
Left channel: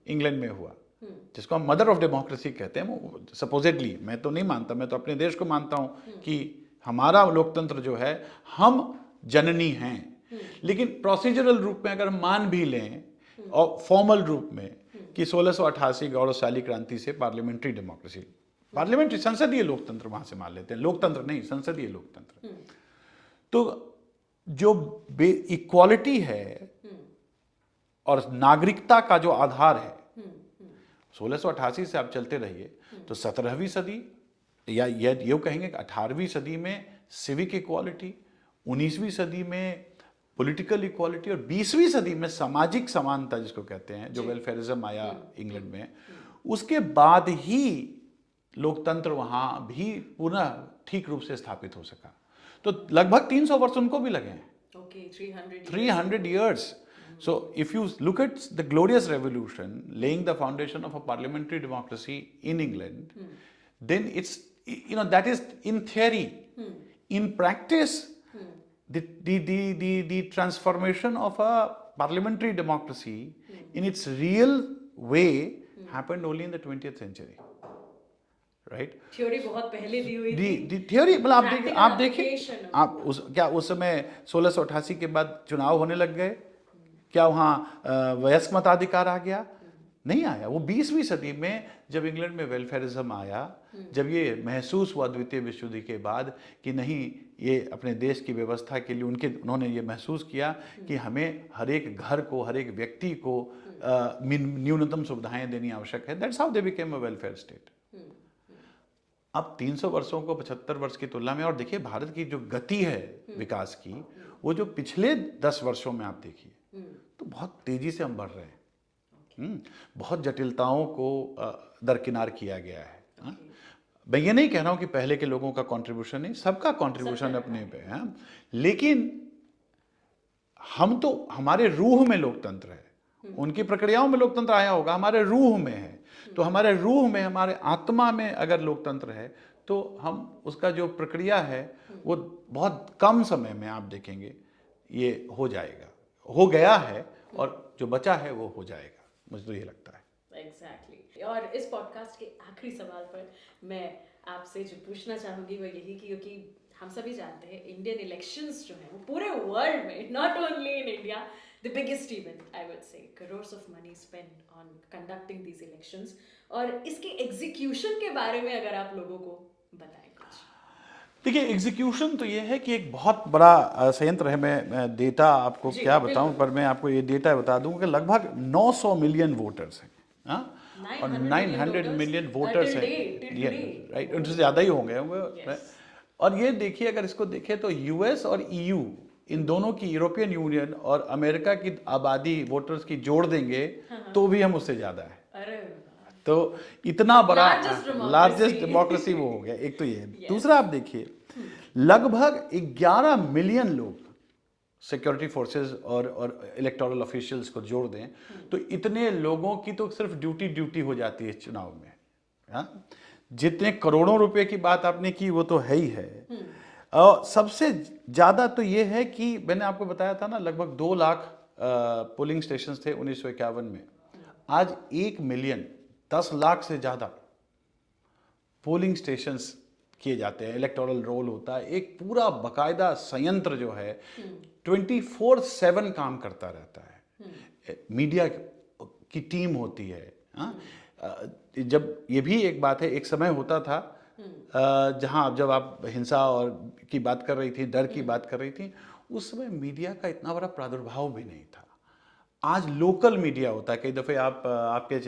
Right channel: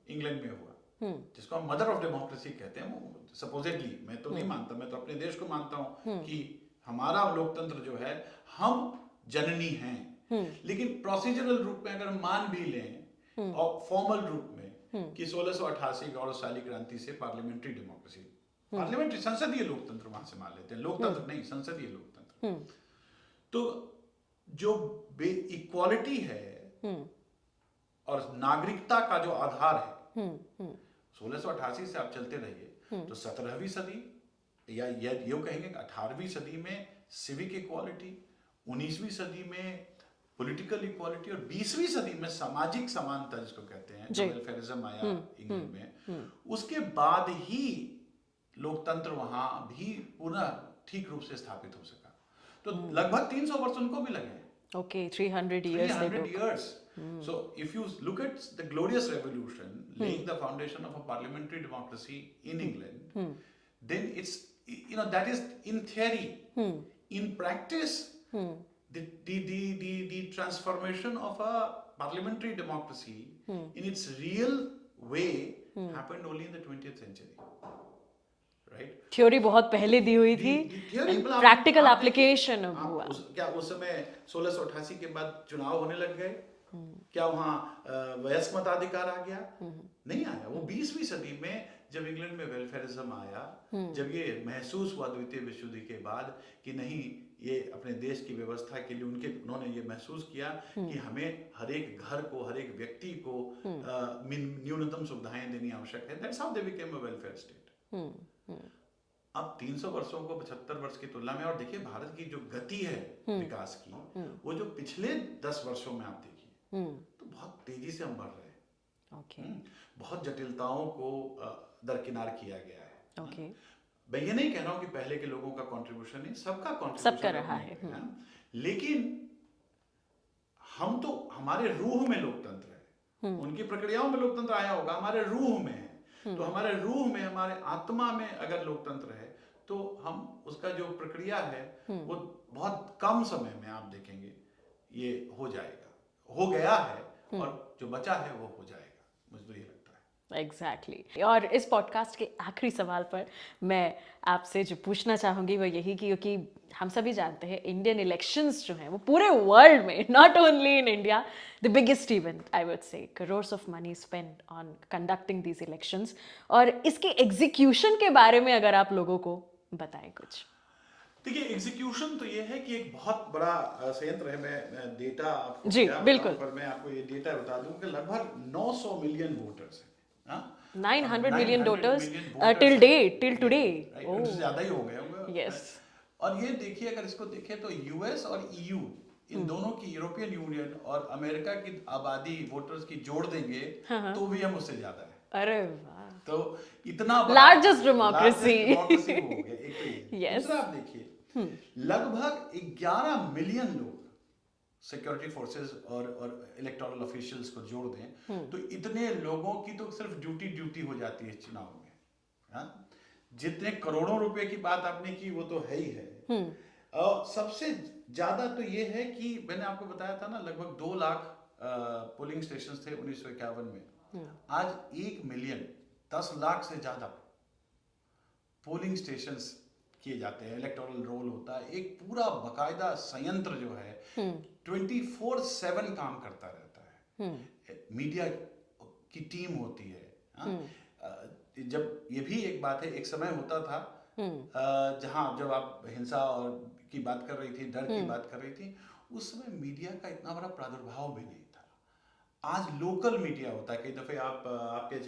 इंग्लैंड में हुआ, जिसको हम मदर ऑफ डेमोक्रेसी कहते हैं सपोजिटली। मैं तो नहीं मानता, मैं तो अपने देश को मानता हूं कि हमारा लोकतंत्र जो है, हम जननी हैं। लेकिन प्रोसीजरल रूप में अगर मान भी लें और फॉर्मल रूप में कि 1688 गौरवशाली क्रांति से पार्लियामेंट्री डेमोक्रेसी, पार्लियामेंट्री संसदीय लोकतंत्र वहां से मान लेते हैं, लोकतंत्र नहीं, संसदीय लोकतंत्र, तो जो इक्वालिटी है और नागरिकता का जो आधार है, 1688 से आप चलते रहिए तो 17वीं सदी या ये कहेंगे 18वीं सदी में सिविक इक्वालिटी, 19वीं सदी में पॉलिटिकल इक्वालिटी, और 20वीं सदी में सामाजिक समानता जिसको कहते हैं, जो वेलफेयरिज्म आया इंग्लैंड में, उसके बाद ही लोकतंत्र वहां भी पुनः ठीक रूप से स्थापित हो सका। तो लगभग 300 वर्ष उनको भी लगे हैं। Okay, 300 years. So if you look at the glorious revolution laying the foundation of a parliamentary democracy in England, then it's, that is in theory. In practice, the transformation of a parliamentary democracy in its real way happened only in the 20th century. Right, theory बहुत पहले दी हुई थी, theory मतलब practical application आप क्या उस समय 1688 के बाद चुनाव होने लग गए? क्या वहाँ वयस्क मताधिकार आ गया? नहीं आया। वो 20वीं सदी में जब इंग्लैंड में वेलफेयरिज्म आया, जब ये महसूस हुआ द्वितीय विश्व युद्ध के बाद कि नहीं, ये अपने देश की व्यवस्था के लिए उन्होंने ये महसूस किया कि हमें हर एक घर को, हर एक व्यक्ति को न्यूनतम सुविधाएं देनी आवश्यक है। That's how they became a welfare state. अब 300 वर्षों को 75 वर्ष की तुलना में, और देखिए भारत की जो गति है विकास की, वो जो पिछले 10 वर्षों में आप देखिए तो बहुत तेजी से हम बढ़ रहे हैं। बहुत जटिलताओं को दरकिनार किया गया है। मैं ये नहीं कह रहा हूं कि पहले के लोगों का कंट्रीब्यूशन नहीं, सबका कंट्रीब्यूशन अपने पे है, लेकिन हम तो, हमारे रूह में लोकतंत्र है। उनकी प्रक्रियाओं में लोकतंत्र आया होगा, हमारे रूह में है। तो हमारे रूह में, हमारे आत्मा में अगर लोकतंत्र है, तो हम उसका जो प्रक्रिया है वो बहुत कम समय में आप देखेंगे ये हो जाएगा, हो गया है, और जो बचा है वो हो जाएगा, मुझे तो ये लगता है। एग्जैक्टली। और इस पॉडकास्ट के आखिरी सवाल पर मैं आपसे जो पूछना चाहूँगी वो यही, क्योंकि हम सभी जानते हैं इंडियन इलेक्शंस जो हैं वो पूरे वर्ल्ड में, not only in India, the biggest event I would say, crores of money spend on conducting these elections, और इसके एग्जीक्यूशन के बारे में अगर आप लोगों को बताएं कुछ। देखिए, एग्जीक्यूशन तो ये है कि एक बहुत बड़ा संयंत्र है। मैं डेटा आपको क्या बताऊं, पर मैं आपको ये डेटा बता दूं कि लगभग 900 मिलियन वोटर्स हैं। 900 million 900 voters million voters till हैं। date, till Yeah, today. right, Oh. उनसे ज्यादा ही होंगे Yes. और ये देखिए, अगर इसको देखें तो यूएस और ईयू इन दोनों की, यूरोपियन यूनियन और अमेरिका की आबादी वोटर्स की जोड़ देंगे तो भी हम उससे ज्यादा है। अरे वाह। तो इतना बड़ा Largest democracy. लार्जेस्ट डेमोक्रेसी वो हो गया। एक तो ये Yes. दूसरा आप देखिए, लगभग 11 मिलियन लोग सिक्योरिटी फोर्सेस और इलेक्टोरल ऑफिशियल्स को जोड़ दें तो इतने लोगों की तो सिर्फ ड्यूटी हो जाती है इस चुनाव में। हाँ? जितने करोड़ों रुपए की बात आपने की वो तो है ही है। और सबसे ज्यादा तो ये है कि मैंने आपको बताया था ना, लगभग 2 लाख पोलिंग स्टेशंस थे 1951 में। आज 1 मिलियन 10 लाख से ज्यादा पोलिंग स्टेशंस किए जाते हैं, इलेक्टोरल रोल होता है, एक पूरा बकायदा संयंत्र जो है 24/7 काम करता रहता है। मीडिया की टीम होती है। हाँ? जब ये भी एक बात है, एक समय होता था जहां जब आप हिंसा और की बात कर रही थी, डर की बात कर रही थी, उस समय मीडिया का इतना बड़ा प्रादुर्भाव भी नहीं था। आज लोकल मीडिया होता है। कई दफ़े आप आपके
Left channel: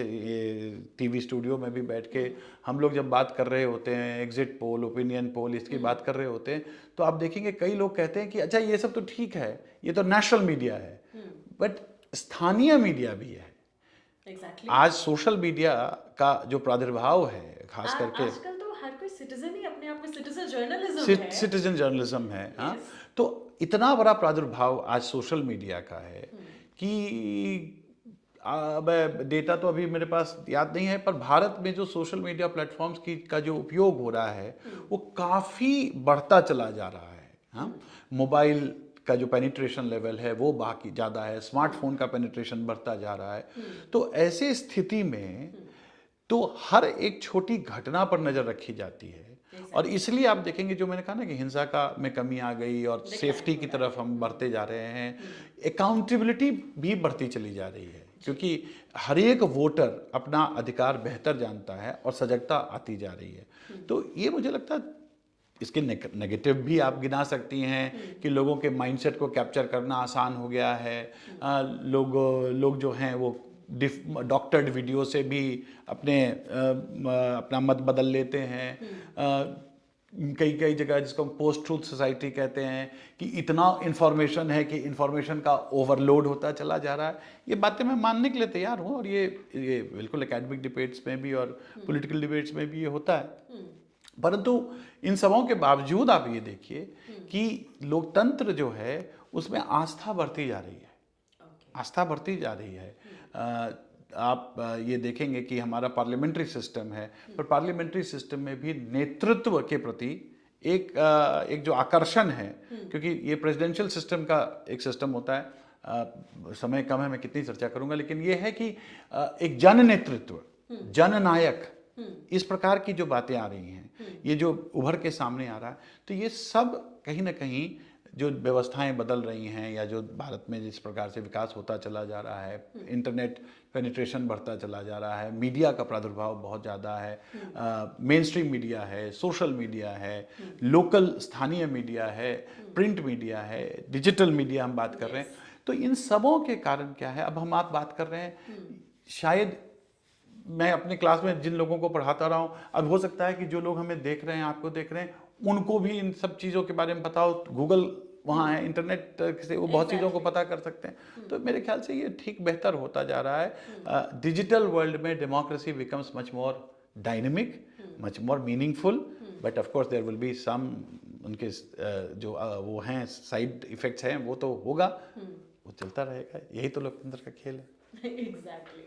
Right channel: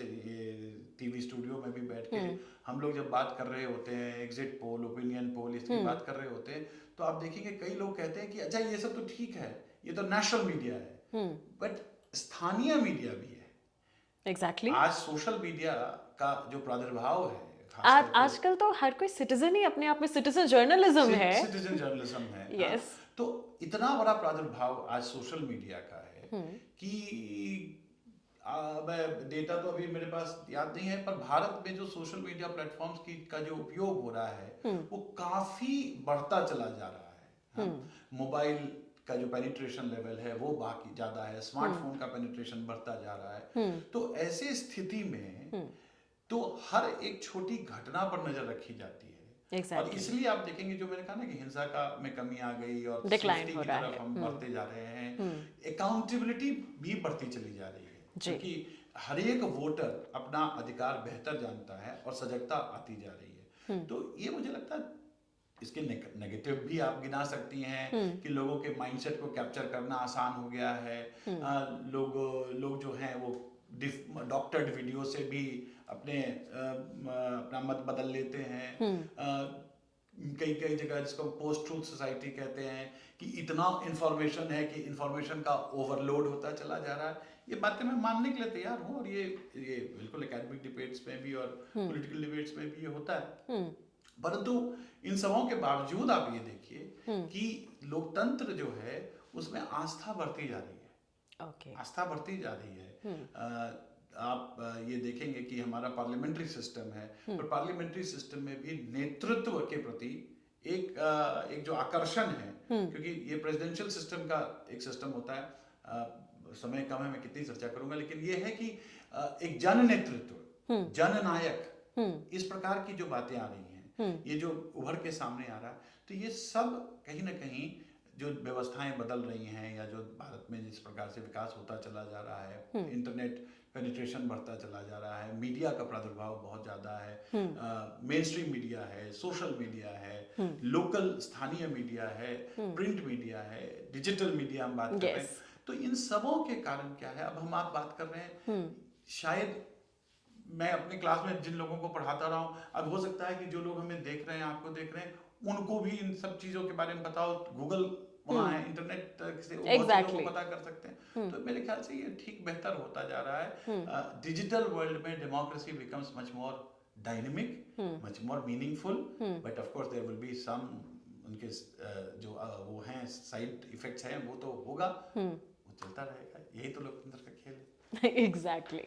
टीवी स्टूडियो में भी बैठ के हम लोग जब बात कर रहे होते हैं, एग्जिट पोल, ओपिनियन पोल, इसकी बात कर रहे होते हैं, तो आप देखेंगे कई लोग कहते हैं कि अच्छा ये सब तो ठीक है, ये तो नेशनल मीडिया है, बट स्थानीय मीडिया भी है। Exactly. आज सोशल मीडिया का जो प्रादुर्भाव है, खास करके आजकल तो हर कोई सिटीजन ही अपने आप में सिटीजन जर्नलिज्म है। सिटीजन जर्नलिज्म है। हाँ? Yes. तो इतना बड़ा प्रादुर्भाव आज सोशल मीडिया का है कि डेटा तो अभी मेरे पास याद नहीं है, पर भारत में जो सोशल मीडिया प्लेटफॉर्म्स की का जो उपयोग हो रहा है वो काफी बढ़ता चला जा रहा है। हाँ? मोबाइल का जो पेनिट्रेशन लेवल है वो बाकी ज्यादा है, स्मार्टफोन का पेनिट्रेशन बढ़ता जा रहा है। तो ऐसी स्थिति में तो हर एक छोटी घटना पर नजर रखी जाती है। Exactly. और इसलिए आप देखेंगे, जो मैंने कहा ना कि हिंसा का में कमी आ गई और Decline सेफ्टी हो की रहा तरफ हम बढ़ते जा रहे हैं, अकाउंटेबिलिटी भी बढ़ती चली जा रही है, क्योंकि हर एक वोटर अपना अधिकार बेहतर जानता है और सजगता आती जा रही है। तो ये मुझे लगता है इसके नेगेटिव भी आप गिना सकती हैं कि लोगों के माइंडसेट को कैप्चर करना आसान हो गया है। लोग जो हैं वो डॉक्टर्ड वीडियो से भी अपना मत बदल लेते हैं। कई जगह जिसको पोस्ट ट्रूथ सोसाइटी कहते हैं कि इतना इंफॉर्मेशन है कि इंफॉर्मेशन का ओवरलोड होता चला जा रहा है। ये बातें मैं मानने के लिए तैयार हूँ, और ये बिल्कुल एकेडमिक डिबेट्स में भी और पॉलिटिकल डिबेट्स में भी ये होता है। परंतु इन सबों के बावजूद आप ये देखिए कि लोकतंत्र जो है उसमें आस्था बढ़ती जा रही है। आस्था बढ़ती जा रही है। आप ये देखेंगे कि हमारा पार्लियामेंट्री सिस्टम है, पर पार्लियामेंट्री सिस्टम में भी नेतृत्व के प्रति एक जो आकर्षण है, क्योंकि ये प्रेसिडेंशियल सिस्टम का एक सिस्टम होता है। समय कम है, मैं कितनी चर्चा करूंगा, लेकिन ये है कि एक जन नेतृत्व, जननायक, इस प्रकार की जो बातें आ रही हैं, ये जो उभर के सामने आ रहा है, तो ये सब कहीं ना कहीं जो व्यवस्थाएं बदल रही हैं, या जो भारत में जिस प्रकार से विकास होता चला जा रहा है, इंटरनेट पेनिट्रेशन बढ़ता चला जा रहा है, मीडिया का प्रादुर्भाव बहुत ज़्यादा है, मेन स्ट्रीम मीडिया है, सोशल मीडिया है, लोकल स्थानीय मीडिया है, प्रिंट मीडिया है, डिजिटल मीडिया हम बात कर रहे हैं। तो इन सबों के कारण क्या है, अब हम आप बात कर रहे हैं, शायद मैं अपने क्लास में जिन लोगों को पढ़ाता रहा हूँ, अब हो सकता है कि जो लोग हमें देख रहे हैं, आपको देख रहे हैं, उनको भी इन सब चीज़ों के बारे में पता हो। गूगल वहाँ है, इंटरनेट से वो बहुत चीज़ों को पता कर सकते हैं। तो मेरे ख्याल से ये ठीक बेहतर होता जा रहा है। डिजिटल वर्ल्ड में democracy becomes much more dynamic, much more meaningful, but of course there will be some उनके जो वो हैं साइड इफेक्ट्स हैं, वो तो होगा, वो चलता रहेगा। यही तो लोकतंत्र का खेल है। एग्जैक्टली।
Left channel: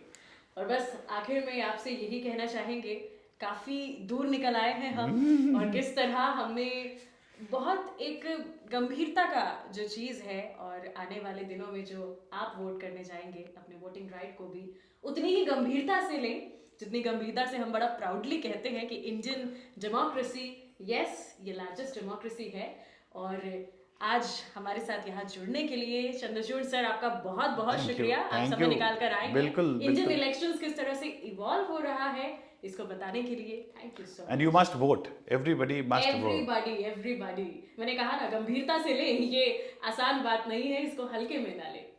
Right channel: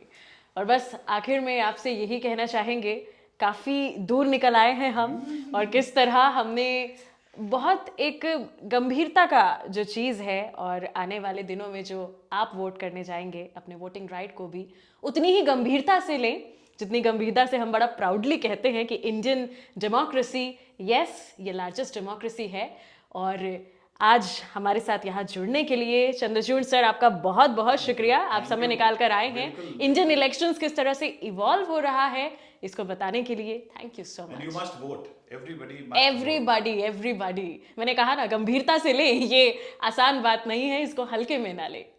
और बस आखिर में आपसे यही कहना चाहेंगे, काफी दूर निकल आए हैं हम, और किस तरह हमने बहुत एक गंभीरता का जो चीज़ है, और आने वाले दिनों में जो आप वोट करने जाएंगे, अपने वोटिंग राइट को भी उतनी ही गंभीरता से लें जितनी गंभीरता से हम बड़ा प्राउडली कहते हैं कि इंडियन डेमोक्रेसी, यस, ये लार्जेस्ट डेमोक्रेसी है। और आज हमारे साथ यहाँ जुड़ने के लिए चंद्रचूड़ सर, आपका बहुत बहुत शुक्रिया। आप समय निकाल कर आए हैं। इंडियन इलेक्शंस किस तरह से इवॉल्व हो रहा है इसको बताने के लिए thank you so much. And you must vote, everybody must everybody. मैंने कहा ना, गंभीरता से ले, ये आसान बात नहीं है, इसको हल्के में ना ले।